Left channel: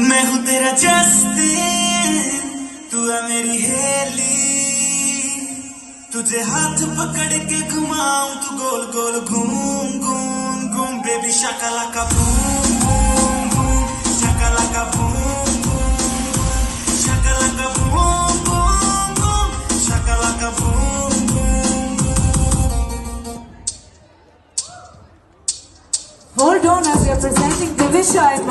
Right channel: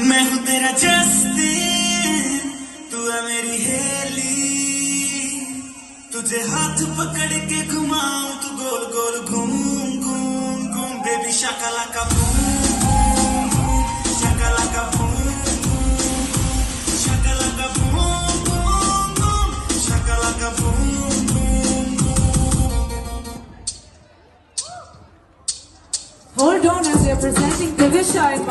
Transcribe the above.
मैं हूँ तेरा जस्टिन, तू है मेरी हेली। तुझे हाथ पकड़ के घुमाऊं, तू गोल गोल घूम घूम घूम। Baby Shakalaka boom boom boom, Shakalaka boom boom, Shakalaka boom boom boom, Shakalaka boom boom boom. Hold on as we are presenting Divisha.